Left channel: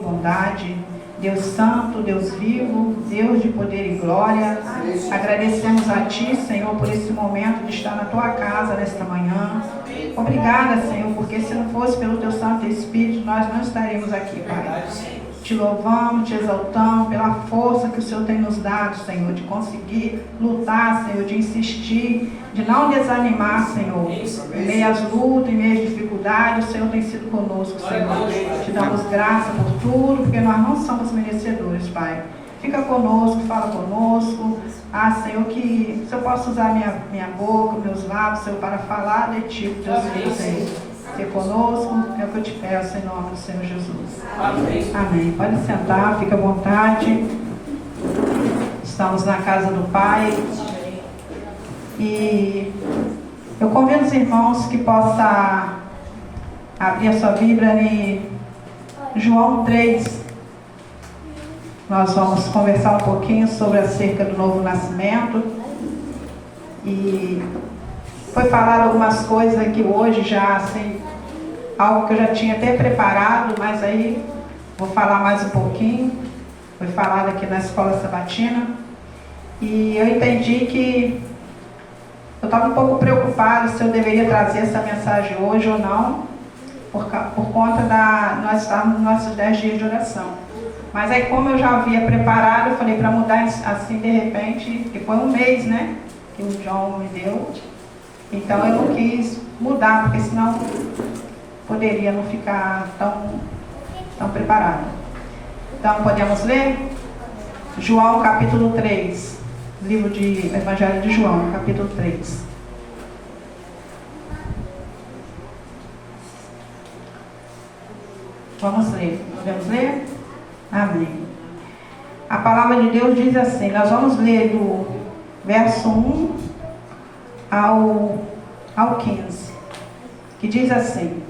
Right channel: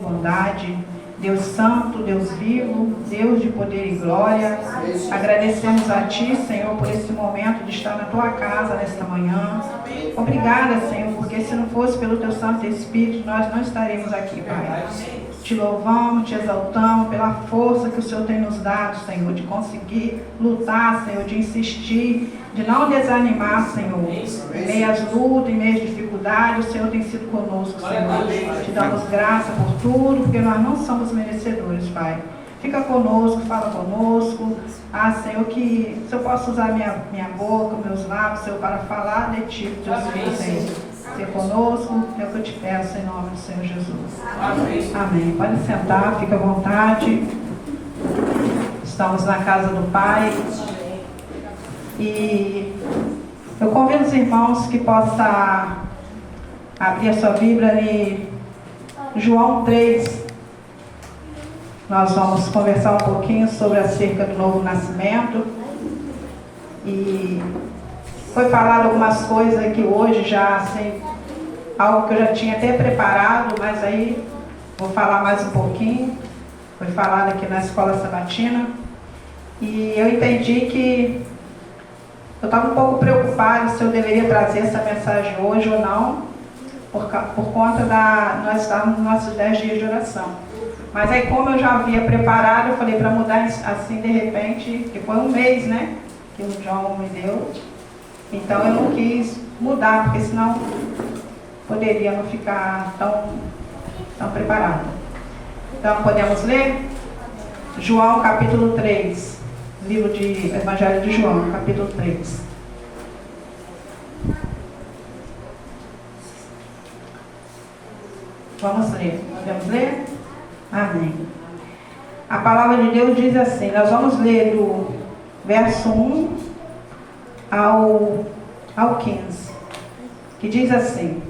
Bondade, Deus Santo, Deus vivo, Deus de poder e glória, agradecemos a Ti, Senhor, por esse momento de estar na Tua casa nesta manhã. Obrigada, Senhor, porque se não fosse pelo Teu Santo Espírito, nós não estaríamos aqui, Pai. Te louvamos, te exaltamos pela força que o Senhor tem nos dado, Senhor, de conseguir lutar, Senhor, de insistir, de não desanimar, Senhor. Em meio às lutas, em meio às dificuldades, o Senhor tem sido conosco, Senhor. Te damos graça por tudo, porque nós não somos merecedores, Pai. Fica conosco, fala conosco. Senhor, que o Senhor possa usar minha boca, meus lábios, Senhor, para falar de Ti, Deus filho, Senhor. Ser conosco, é o que eu te peço em nome do Senhor Jesus. Amém. Amém. Pode sentar, fica à vontade. Estamos na casa do Pai. E eu convido os irmãos que possam abrir a sua Bíblia em João 3. Nós vamos conversar um pouquinho sobre acerca do novo nascimento. E foi falado algumas coisas aqui hoje já, assim, algo que eu já tinha até preparado, mas aí vou falar mais um pouquinho. Foi falado aqui na escola sabatina. E eu entendi que eu estava um pouco preocupada se eu deveria trazer essa mensagem hoje ou não, por conta nós estamos nos nossos 10 dias de oração. Mas aí, como eu já havia preparado, eu falei para mudar assim de repente, que foi um mês, né, que o João me deu. Então eu não quis mudar, porque senão poderia não ficar tão preparado. Então podemos ler? João capítulo 3, livro de Evangelho de João, capítulo 3. Vamos ler. Podemos ler? Amém. A palavra de Deus diz assim, nós vamos ler do verso 1 ao 15, que diz assim:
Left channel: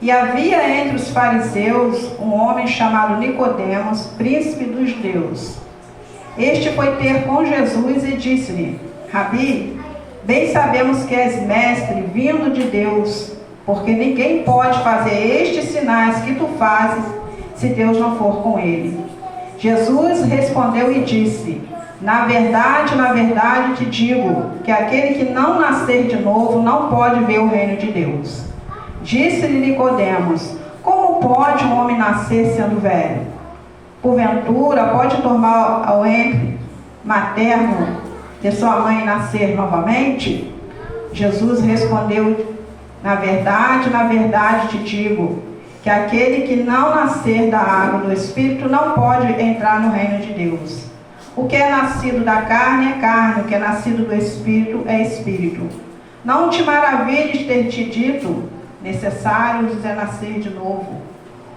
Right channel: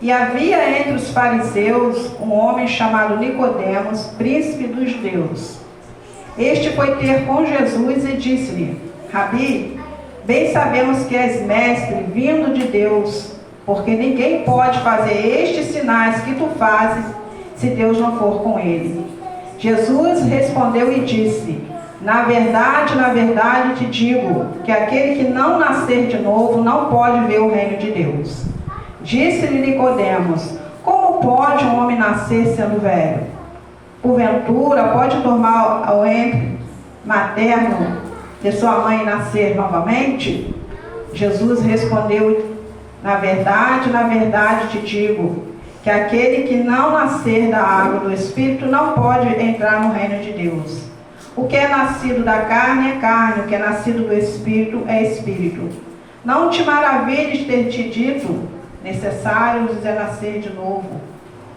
E havia entre os fariseus um homem chamado Nicodemos, príncipe dos judeus. Este foi ter com Jesus e disse-lhe: Rabi, bem sabemos que és mestre vindo de Deus, porque ninguém pode fazer estes sinais que tu fazes, se Deus não for com ele. Jesus respondeu e disse: Na verdade te digo, que aquele que não nascer de novo não pode ver o reino de Deus. Disse-lhe Nicodemos: Como pode um homem nascer sendo velho? Porventura pode tomar ao ventre materno de sua mãe nascer novamente? Jesus respondeu: Na verdade te digo, que aquele que não nascer da água do Espírito não pode entrar no reino de Deus. O que é nascido da carne é carne, o que é nascido do Espírito é Espírito. Não te maravilhes ter te dito, necessário é nascer de novo.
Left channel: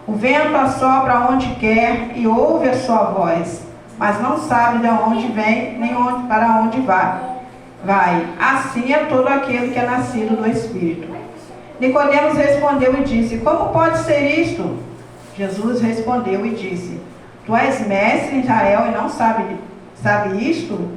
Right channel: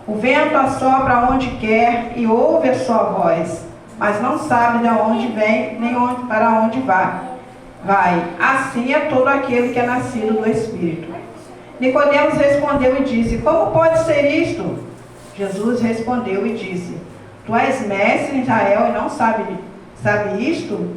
O vento assopra onde quer e ouve a sua voz, mas não sabe de onde vem, nem para onde vai. Assim é todo aquele que é nascido do Espírito. Nicodemos respondeu e disse: Como pode ser isto? Jesus respondeu e disse: Tu és mestre em Israel e não sabe isto?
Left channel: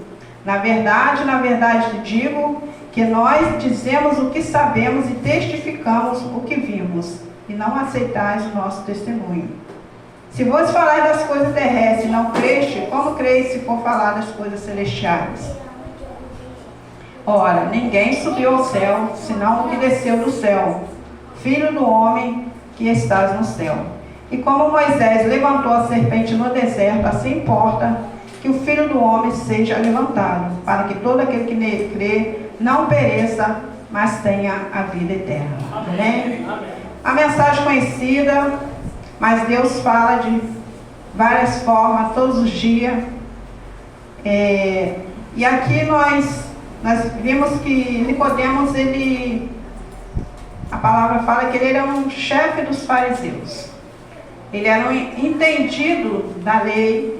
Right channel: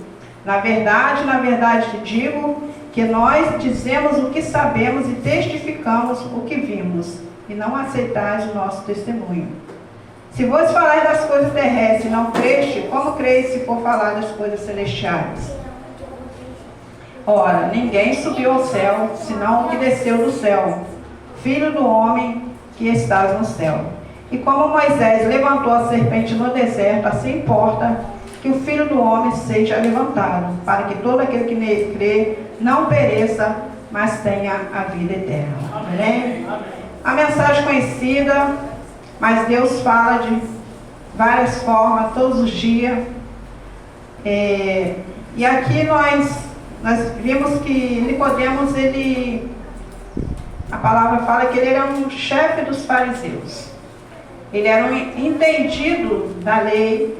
Na verdade te digo que nós dizemos o que sabemos e testificamos o que vimos, e não aceitais o nosso testemunho. Se vos falar das coisas terrestres e não creste, como creis se for falar das coisas celestiais? Ora, ninguém subiu ao céu, senão o que desceu do céu, Filho do homem que estás no céu. E como Moisés levantou a serpente no deserto, assim importa que o Filho do homem seja levantado, para que todo aquele que nele crê não pereça, mas tenha a vida eterna. Amém? A mensagem conhecida, mas Deus fala de várias formas, todos os dias. E aqui nós vimos que Nicodemos, a palavra fala que ele era um chefe dos fariseus. Ele era um entendido da lei,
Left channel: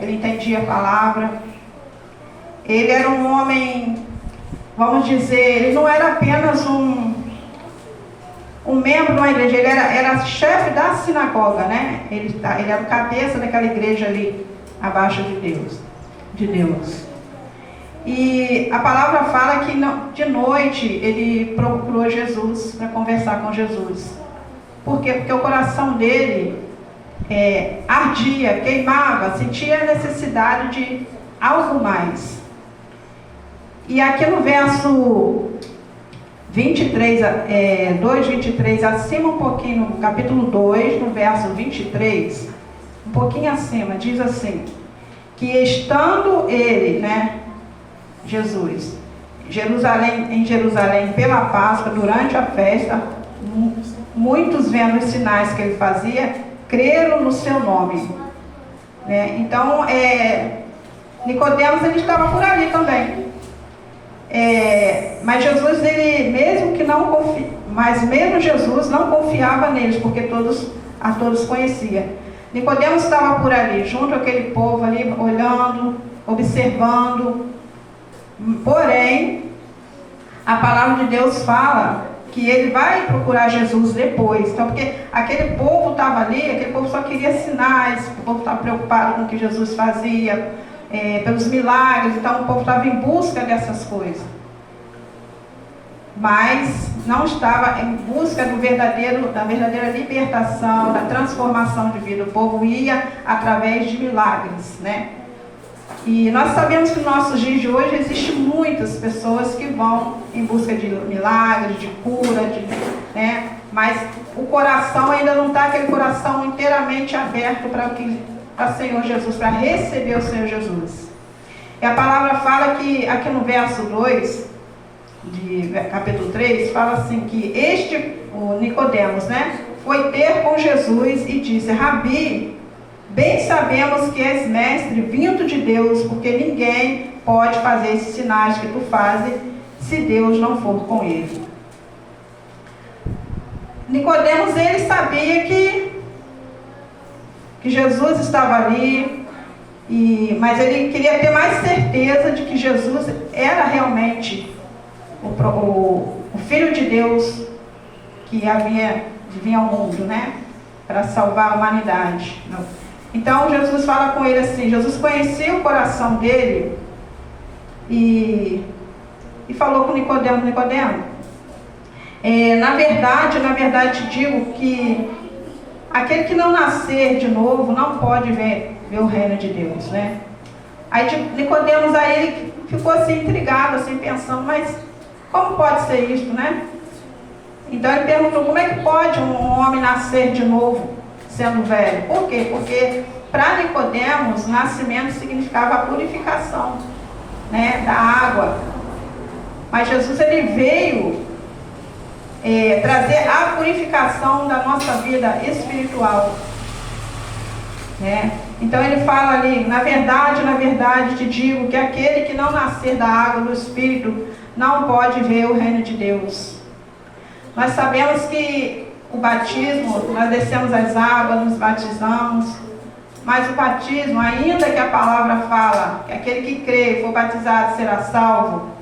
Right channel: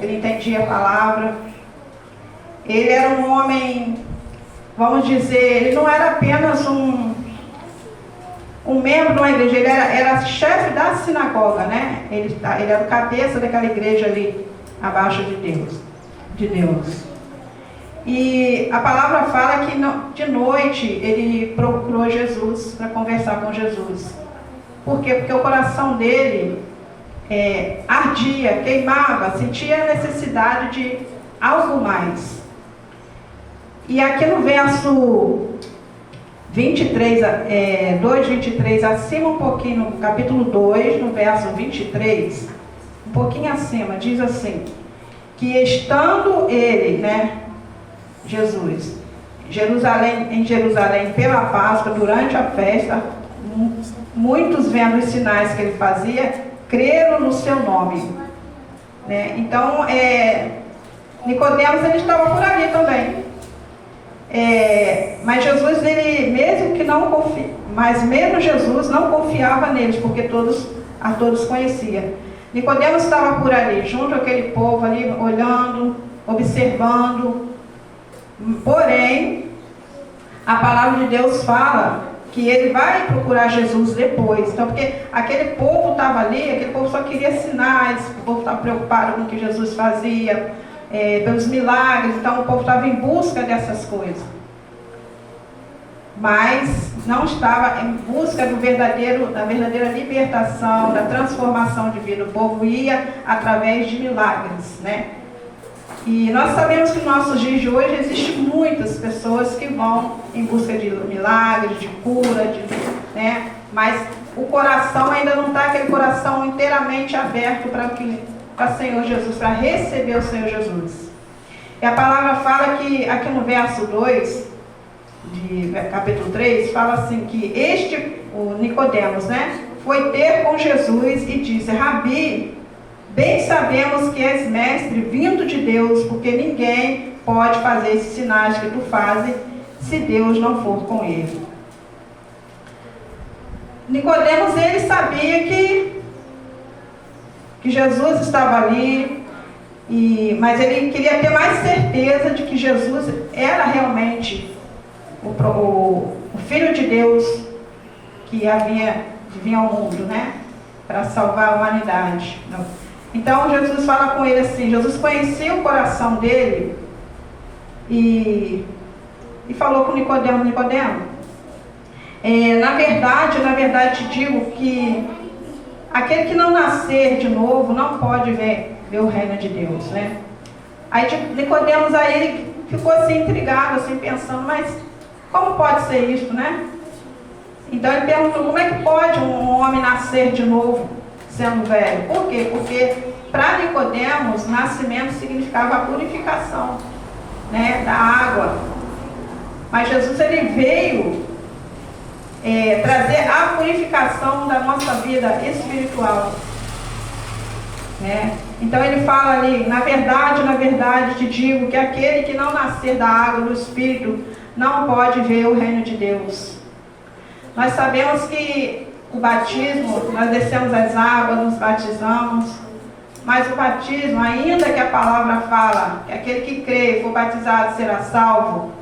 ele entendia a palavra. Ele era um homem, vamos dizer, ele não era apenas um membro de uma igreja, ele era chefe da sinagoga, né? Ele era o cabeça daquela igreja ali, abaixo de Deus. E a palavra fala que de noite ele procurou Jesus para conversar com Jesus. Por quê? Porque o coração dele ardia, queimava, sentia a necessidade de algo mais. E aqui no verso 23, 2:23, acima um pouquinho, no capítulo 2, no verso 23, um pouquinho acima, diz assim, que estando ele, Jesus, em Jerusalém pela Páscoa, durante a festa, muitos vendo os sinais que ele fazia, creram no seu nome. Então, Nicodemos, ele estava por ali também. Mas Jesus, ele, mesmo Jesus não confiava neles, porque a todos conhecia. Nicodemos estava por ali, junto àquele povo ali, olhando, observando. Porém, a palavra de Deus fala que ele vai procurar Jesus depois. Então, porque aquele povo estava ali, aquele povo só queria sinais, o povo estava preocupado com o que Jesus fazia, pelos milagres, então o povo estava em busca dessas coisas. Mas não estava em busca da verdadeira libertação, da transformação de vida. O povo ia através de milagres, E nós sabemos que nos nossos dias de hoje existem muitas pessoas que vão em busca de milagres, de cura, mas o coração ainda não está aquele coração inteiramente aberto para o Senhor Jesus, para receber o Senhor Jesus. E a palavra fala que, aqui no verso 2, de capítulo 3, fala assim que o Nicodemos, foi ter com Jesus e disse: Rabi, bem sabemos que és mestre vindo de Deus, porque ninguém pode fazer esses sinais que tu fazes se Deus não for com ele. Nicodemos, ele sabia que Jesus estava ali, mas ele queria ter mais certeza de que Jesus era realmente o Filho de Deus que vinha ao mundo, para salvar a humanidade. Então Jesus fala com ele assim, Jesus conhecia o coração dele e falou com Nicodemo, na verdade te digo que aquele que não nascer de novo não pode ver o reino de Deus, Aí Nicodemos aí ficou assim intrigado, assim pensando, mas como pode ser isso, Então ele perguntou, como é que pode um homem nascer de novo sendo velho? Por quê? Porque para Nicodemos, nascimento significava a purificação, da água. Mas Jesus, ele veio trazer a purificação da nossa vida espiritual. Então ele fala ali, na verdade te digo que aquele que não nascer da água do Espírito não pode ver o reino de Deus. Nós sabemos que o batismo, nós descemos as águas, nos batizamos, mas o batismo, ainda que a palavra fala que aquele que crê e for batizado será salvo,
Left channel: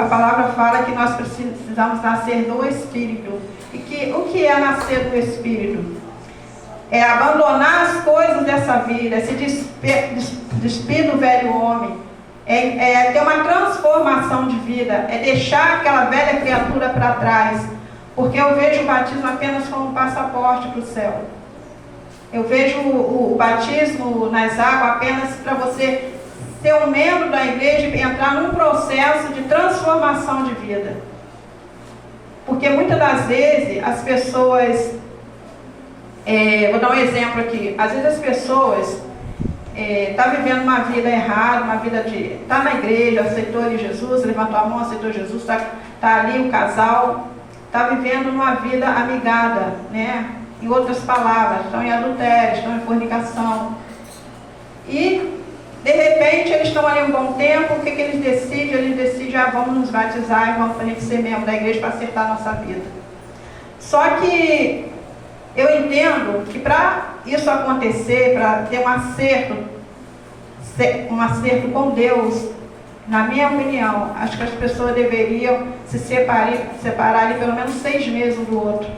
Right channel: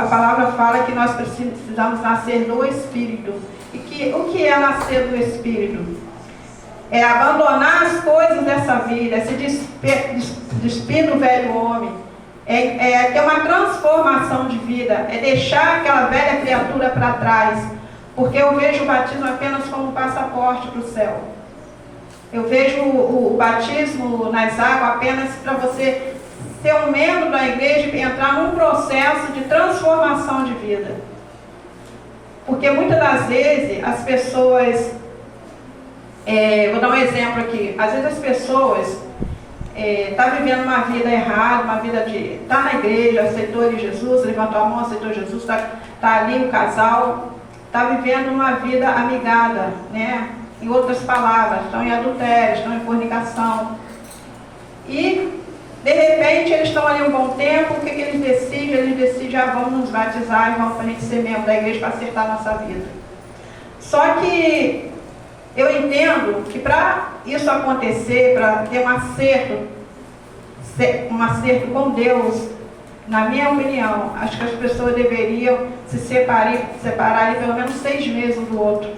a palavra fala que nós precisamos nascer do Espírito. E o que é nascer do Espírito? É abandonar as coisas dessa vida, se despir do velho homem, é ter uma transformação de vida, é deixar aquela velha criatura para trás, porque eu vejo o batismo apenas como um passaporte para o céu. Eu vejo o batismo nas águas apenas para você ser um membro da igreja e entrar num processo de transformação de vida. Porque muitas das vezes as pessoas, vou dar um exemplo aqui, às vezes as pessoas está vivendo uma vida errada, uma vida de... está na igreja, aceitou Jesus, levantou a mão, aceitou Jesus, está ali o casal, está vivendo uma vida amigada, Em outras palavras, estão em adultério, estão em fornicação. E, de repente, eles estão ali um bom tempo, o que eles decidem? Eles decidem, vamos nos batizar e vamos para a gente ser membro da igreja para acertar a nossa vida. Só que eu entendo que para isso acontecer, para ter um acerto com Deus, na minha opinião, acho que as pessoas deveriam se separar pelo menos 6 meses um do outro,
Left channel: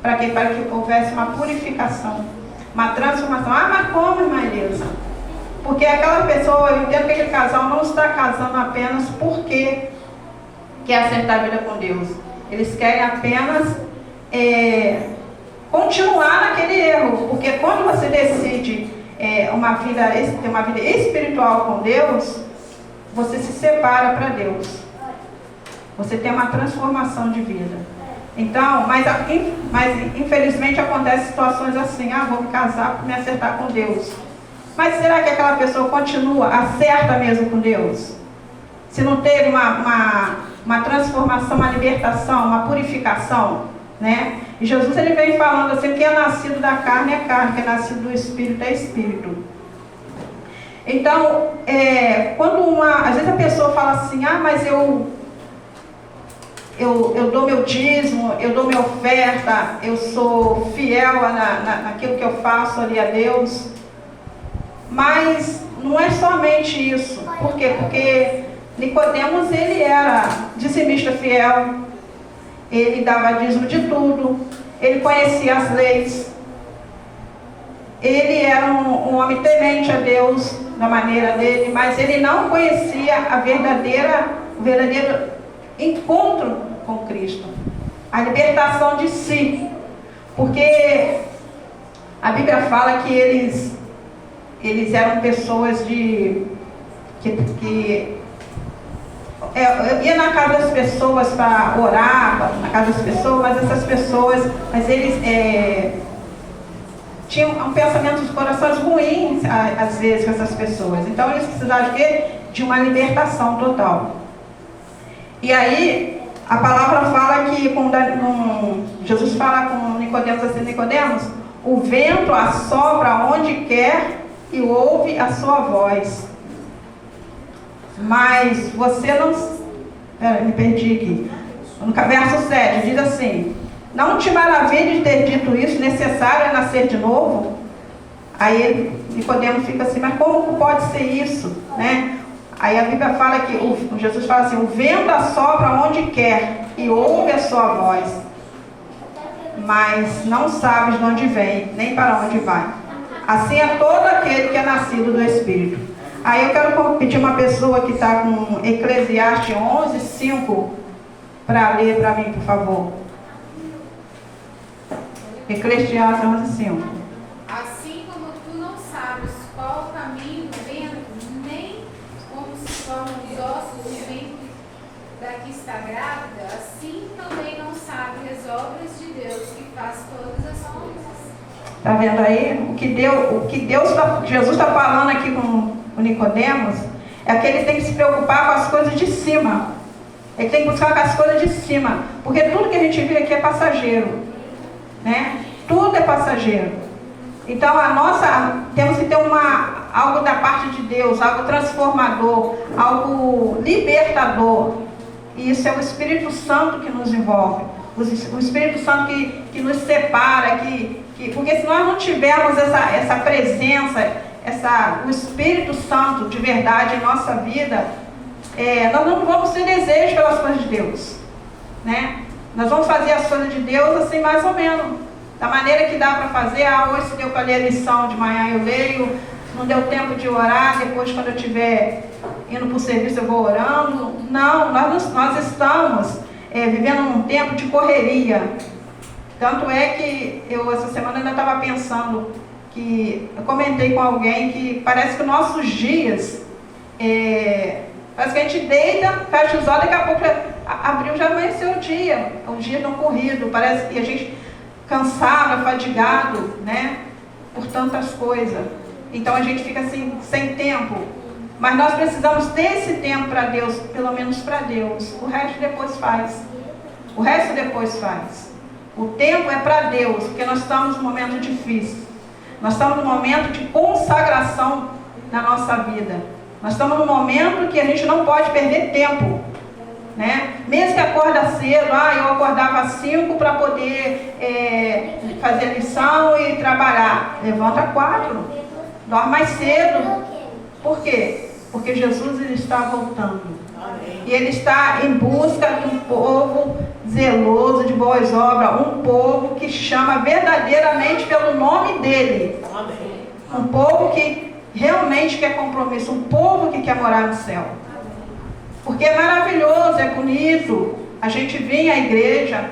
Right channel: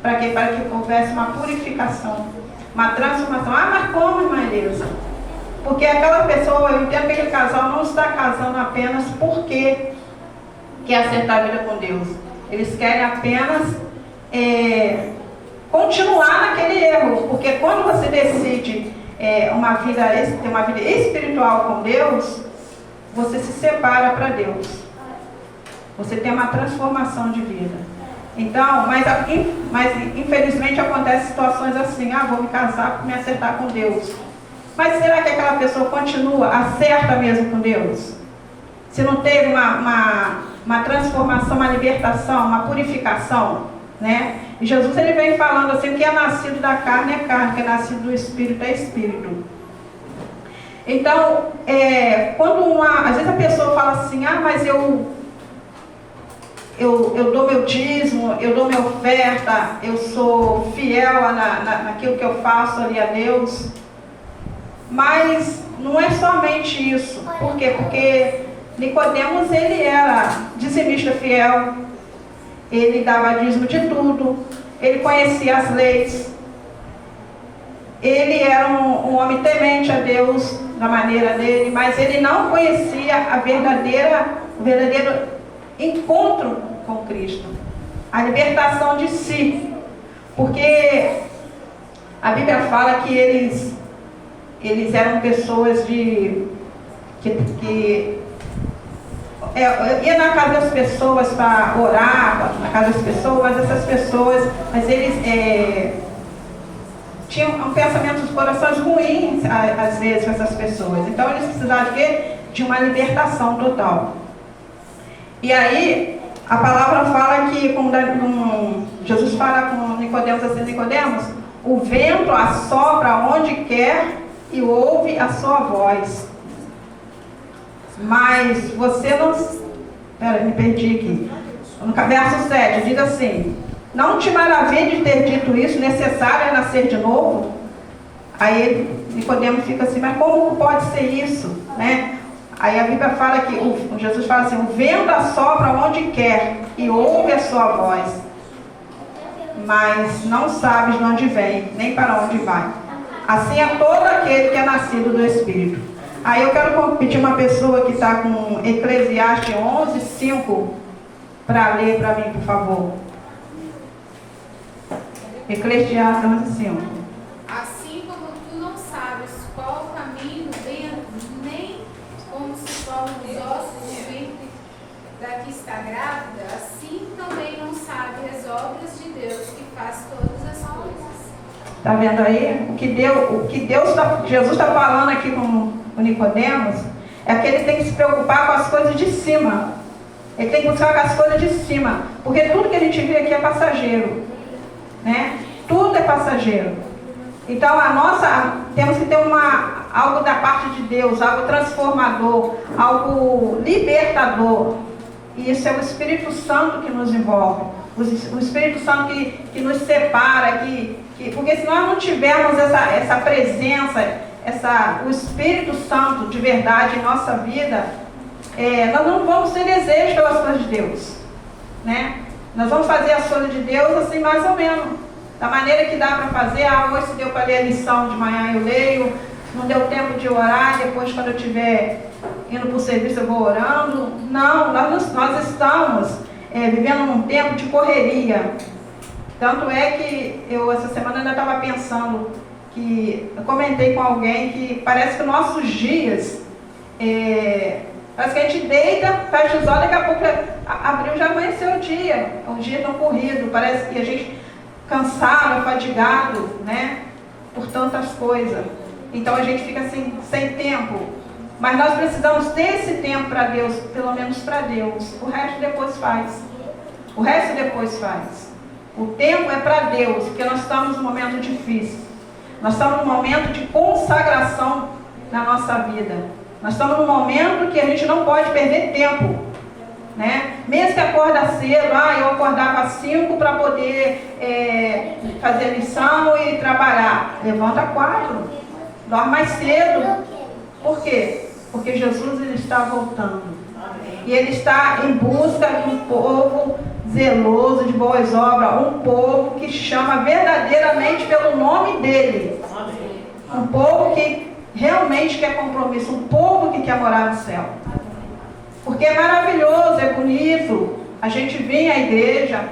para que houvesse uma purificação, uma transformação. Mas como, irmã Elisa? Porque aquela pessoa, eu entendo que aquele casal não está casando apenas porque quer acertar a vida com Deus. Eles querem apenas continuar naquele erro, porque quando você decide ter uma vida espiritual com Deus, você se separa para Deus. Você tem uma transformação de vida. Então, mas infelizmente acontecem situações assim, vou me casar para me acertar com Deus. Mas será que aquela pessoa continua, acerta mesmo com Deus? Se não teve uma transformação, uma libertação, uma purificação, né? E Jesus ele vem falando assim, que é nascido da carne é carne, que é nascido do Espírito é Espírito. Então, às vezes a pessoa fala assim, mas eu dou meu dízimo, eu dou minha oferta, eu sou fiel naquilo que eu faço ali a Deus. Mas não é somente isso. Por quê? Porque Nicodemos, ele era dizimista fiel, ele dava dízimo de tudo, ele conhecia as leis, ele era um homem temente a Deus, da maneira dele, mas ele não conhecia o verdadeiro encontro com Cristo, a libertação de si, porque a Bíblia fala que eles eram pessoas que ia na casa das pessoas para orar, na casa das pessoas, essas pessoas, mas eles tinham um pensamento dos corações ruins, às vezes, com essas pessoas. Então, eles precisavam de uma libertação total. E aí, a palavra fala que, Jesus fala com Nicodemos assim, Nicodemos, o vento assopra onde quer e ouve a sua voz. Mas você não... me perdi aqui. No verso 7, diz assim, não te maravilhe de ter dito isso, necessário é nascer de novo? Aí Nicodemos fica assim, mas como pode ser isso? Né? Aí a Bíblia fala que, Jesus fala assim, o vento assopra onde quer e ouve a sua voz, mas não sabes de onde vem, nem para onde vai. Assim é todo aquele que é nascido do Espírito. Aí eu quero pedir uma pessoa que está com Eclesiastes 11:5 para ler para mim, por favor. Eclesiastes 11:5. Assim como tu não sabes qual o caminho do vento, nem como se formam os ossos do ventre da que está grávida, assim também não sabe as obras de Deus que faz todas as coisas. Está vendo aí? Jesus está falando aqui com o Nicodemos, é que ele tem que se preocupar com as coisas de cima. Ele tem que buscar com as coisas de cima. Porque tudo que a gente vê aqui é passageiro. Né? Tudo é passageiro. Então temos que ter algo da parte de Deus, algo transformador, algo libertador. E isso é o Espírito Santo que nos envolve. O Espírito Santo que nos separa, porque se nós não tivermos essa presença, o Espírito Santo de verdade em nossa vida, nós não vamos ter desejo pelas coisas de Deus, né? Nós vamos fazer as coisas de Deus assim mais ou menos, da maneira que dá para fazer. Hoje deu para ler a lição de manhã, eu leio, não deu tempo de orar, depois quando eu estiver indo para o serviço eu vou orando. Não, nós estamos vivendo num tempo de correria. Tanto é que eu essa semana ainda estava pensando, que eu comentei com alguém que parece que nossos dias, parece que a gente deita, fecha os olhos, daqui a pouco abriu, já amanheceu o dia. Os dias estão corridos, parece que a gente cansado, fadigado, né, por tantas coisas. Então a gente fica assim, sem tempo. Mas nós precisamos ter esse tempo para Deus, pelo menos para Deus. O resto depois faz. O resto depois faz. O tempo é para Deus, porque nós estamos num momento difícil. Nós estamos num momento de consagração na nossa vida. Nós estamos num momento que a gente não pode perder tempo, né? Mesmo que acorda cedo, eu acordava às 5 para poder fazer a lição e trabalhar. Levanta às 4, dorme mais cedo. Por quê? Porque Jesus ele está voltando. E ele está em busca de um povo zeloso de boas obras, um povo que chama verdadeiramente pelo nome dele. Um povo que realmente quer compromisso, um povo que quer morar no céu. Porque é maravilhoso, é bonito a gente vir à igreja,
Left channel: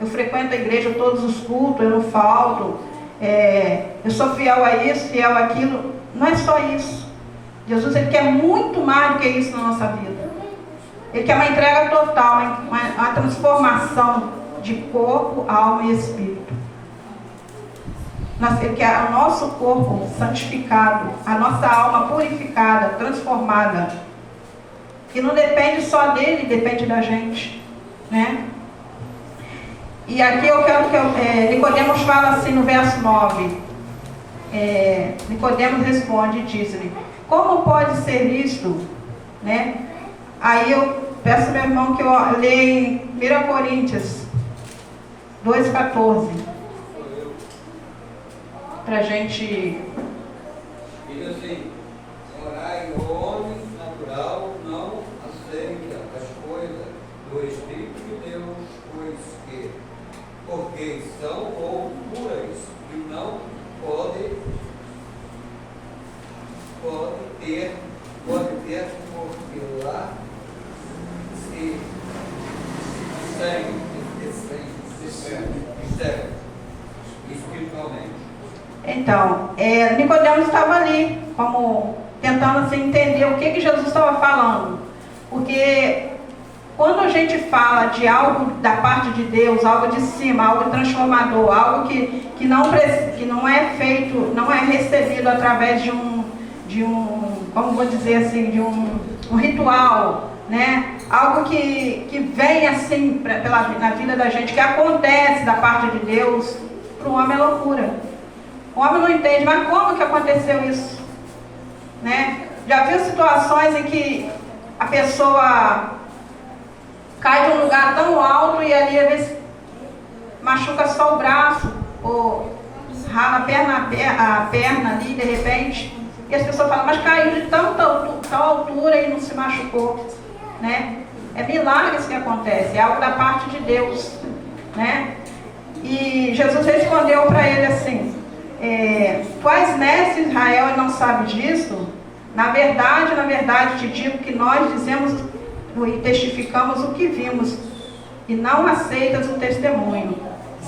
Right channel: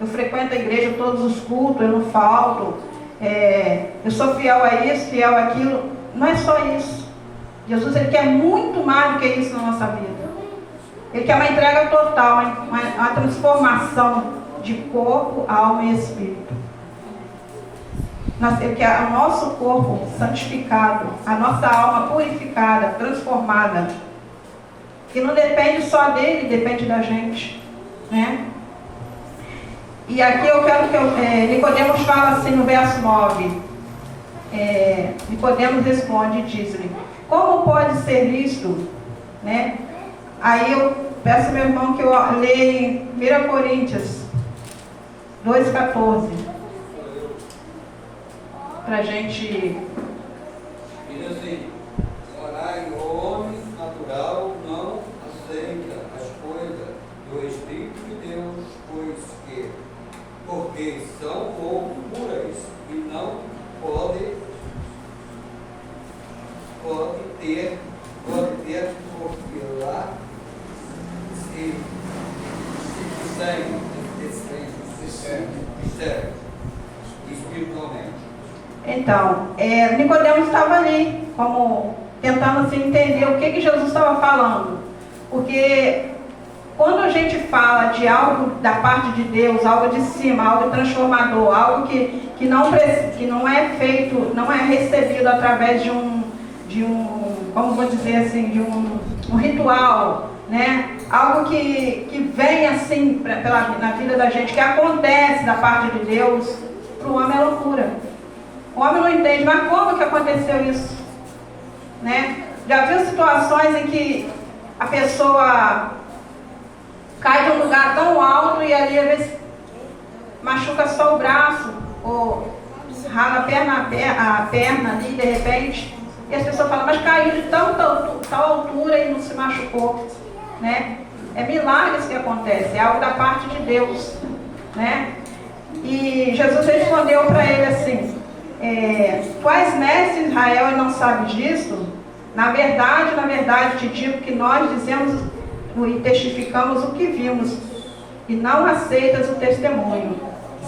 eu frequento a igreja todos os cultos, eu não falto, eu sou fiel a isso, fiel àquilo. Não é só isso. Jesus, ele quer muito mais do que isso na nossa vida. Ele quer uma entrega total, uma transformação de corpo, alma e espírito. Ele quer o nosso corpo santificado, a nossa alma purificada, transformada. Que não depende só dele, depende da gente, né? E aqui eu quero que Nicodemos fala assim no verso 9. Nicodemos responde e diz-lhe: como pode ser isto? Né? Aí eu peço ao meu irmão que eu leia em 1 Coríntios 2,14 para a gente. Diz assim: orar o homem natural não aceita as coisas do Espírito de Deus, porque são pouco puras e não pode ter porque lá se segue espiritualmente. Então, Nicodemos estava ali, como tentando assim, entender o que Jesus estava falando. Porque quando a gente fala de algo da parte de Deus, algo de cima, algo transformador, algo que não é feito, não é recebido através de um como vou dizer assim, de um ritual, né? Algo que vem assim na vida da gente, que acontece da parte de Deus, para o homem é loucura. O homem não entende, mas como que aconteceu isso? Né? Já viu situações em que a pessoa cai de um lugar tão alto e ali às vezes machuca só o braço, ou rala a perna ali de repente, e as pessoas falam, mas caiu de tal altura e não se machucou, né? É milagres que acontecem, é algo da parte de Deus, né? E Jesus respondeu para ele assim: quais mestres de Israel não sabe disso? Na verdade te digo que nós dizemos e testificamos o que vimos, e não aceitas o testemunho.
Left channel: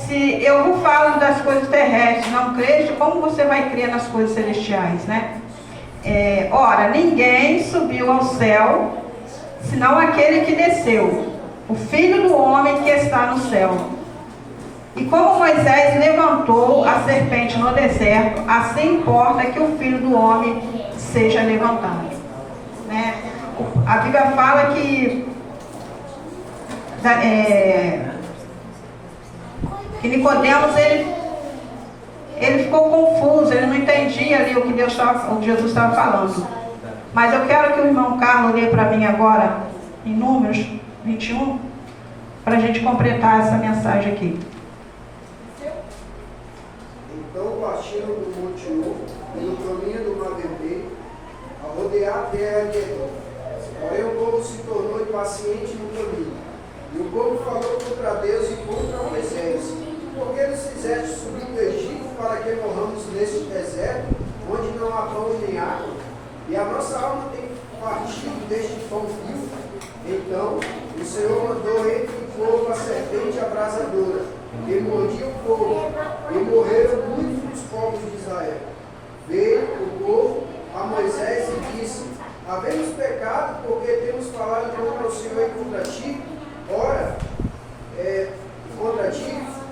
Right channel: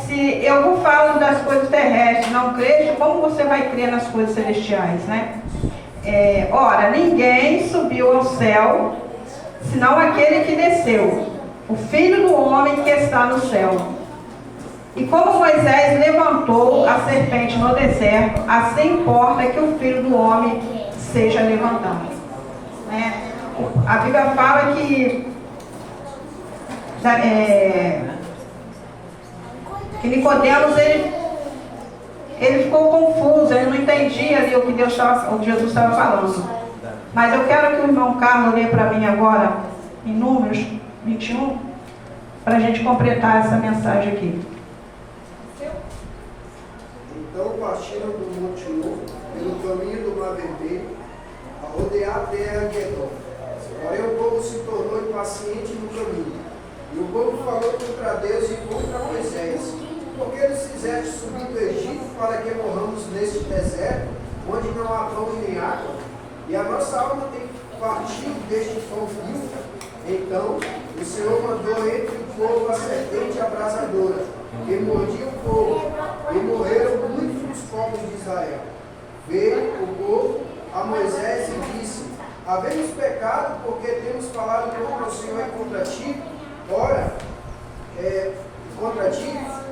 Se eu vos falo das coisas terrestres, não creste, como você vai crer nas coisas celestiais, né? Ora, ninguém subiu ao céu, senão aquele que desceu, o Filho do homem que está no céu. E como Moisés levantou a serpente no deserto, assim importa que o Filho do homem seja levantado. Né? A Bíblia fala que Nicodemos, ele ficou confuso, ele não entendia ali o que Jesus estava falando. Mas eu quero que o irmão Carlos lê para mim agora, em Números 21, para a gente completar essa mensagem aqui. Então partiram do Monte Or, no caminho do Mar Vermelho, a rodear a terra de Edom. Porém o povo se tornou impaciente no caminho. E o povo falou contra Deus e contra Moisés: por que nos fizeste subir do Egito para que morramos neste deserto, onde não há pão nem água? E a nossa alma tem partido deste pão vivo. Então o Senhor mandou entre o povo a serpente abrasadora, que mordia o povo, e morreram muitos dos povos de Israel. Veio o povo a Moisés e disse: havemos pecado porque temos falado contra o Senhor e contra ti.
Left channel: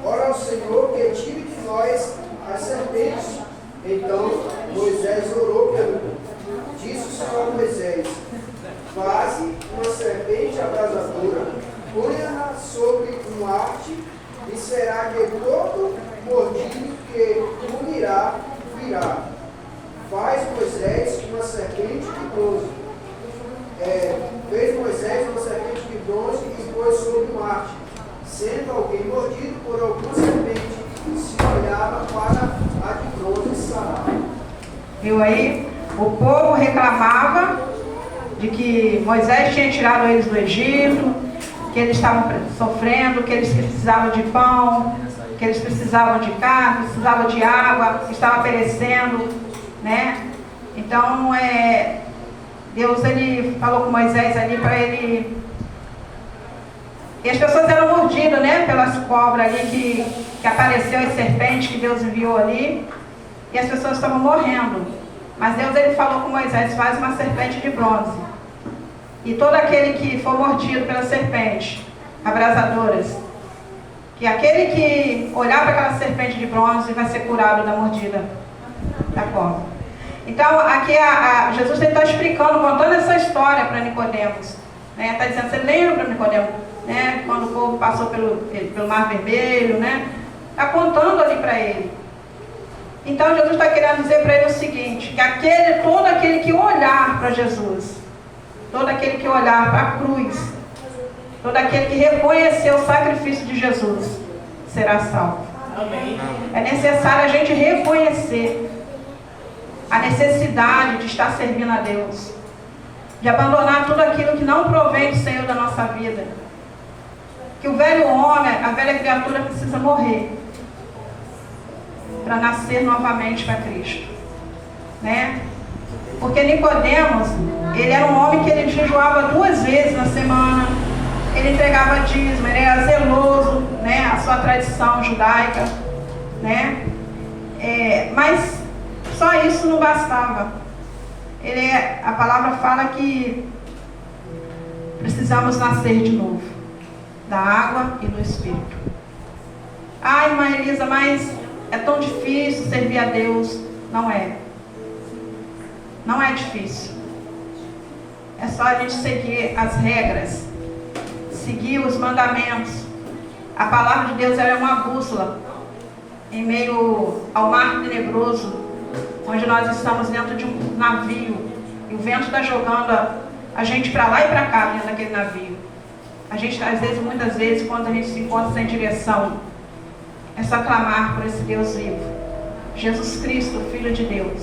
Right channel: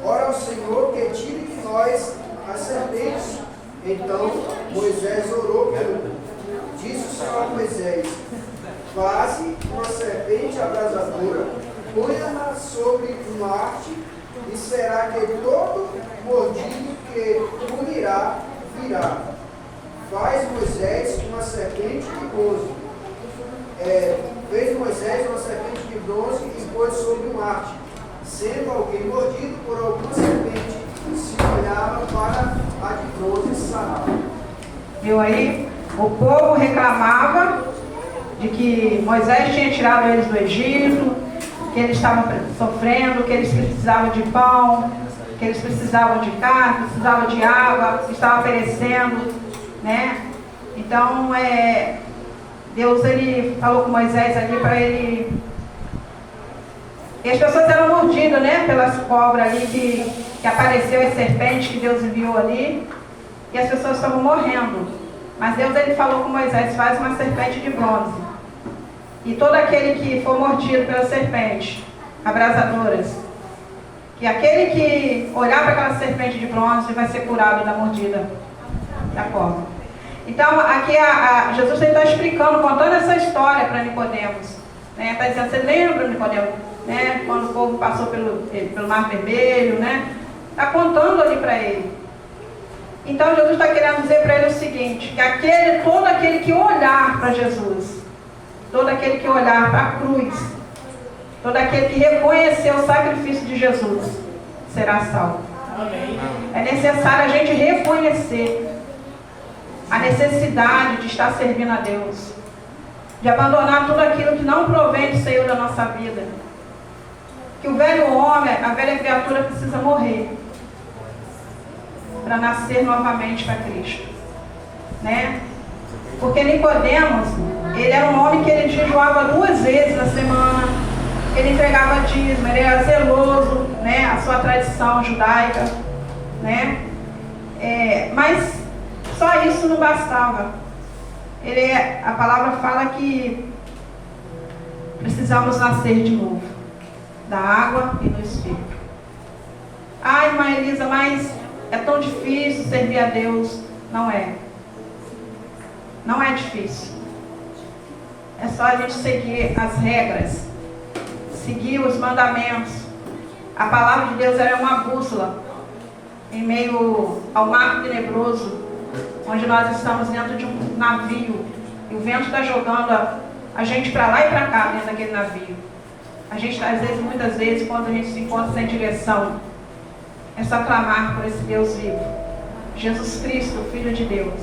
Ora ao Senhor que tire de nós as serpentes. Então Moisés orou disse o Senhor a Moisés: faze uma serpente abrasadora, ponha-na sobre um arte, e será que todo mordido que comerá virá. Faz Moisés uma serpente de bronze. Fez Moisés uma serpente de bronze e pôs sobre um arte. Sendo alguém mordido por alguma serpente, se olhava para a de bronze sarava. Viu aí? O povo reclamava de que Moisés tinha tirado eles do Egito, que eles estavam sofrendo, que eles precisavam de pão, que eles precisavam de carne, precisavam de água, estavam perecendo, né? Então, Deus ele falou com Moisés ali para ele E as pessoas eram mordidas, né, pelas cobras ali que apareceu, as serpentes que Deus enviou ali. E as pessoas estavam morrendo. Mas Deus, ele falou com Moisés: faz uma serpente de bronze. E todo aquele que for mordido pelas serpentes abrasadoras, que aquele que olhar para aquela serpente de bronze vai ser curado da mordida da cobra. Então, aqui Jesus está explicando, contando essa história para Nicodemos. Está dizendo: você lembra, Nicodemos, né, quando o povo passou pelo Mar Vermelho, né? Está contando ali para ele. Então, Jesus está querendo dizer para ele o seguinte: que todo aquele que olhar para Jesus, todo aquele que olhar para a cruz, todo aquele que reconhecer o sacrifício de Jesus, será salvo. Amém. É necessário a gente reconhecer a necessidade de estar servindo a Deus, de abandonar tudo aquilo que não provém do Senhor da nossa vida. Que o velho homem, a velha criatura precisa morrer para nascer novamente para Cristo, né? Porque Nicodemos, ele era um homem que ele jejuava 2 vezes na semana, ele entregava dízimo, ele era zeloso, né, a sua tradição judaica, né? Mas só isso não bastava. A palavra fala que precisamos nascer de novo, da água e do Espírito. Ai, irmã Elisa, mas é tão difícil servir a Deus. Não é. Não é difícil. É só a gente seguir as regras, seguir os mandamentos. A palavra de Deus é uma bússola em meio ao mar tenebroso, onde nós estamos dentro de um navio e o vento está jogando a gente para lá e para cá dentro daquele navio. A gente, às vezes, muitas vezes, quando a gente se encontra sem direção, é só clamar por esse Deus vivo, Jesus Cristo, o Filho de Deus,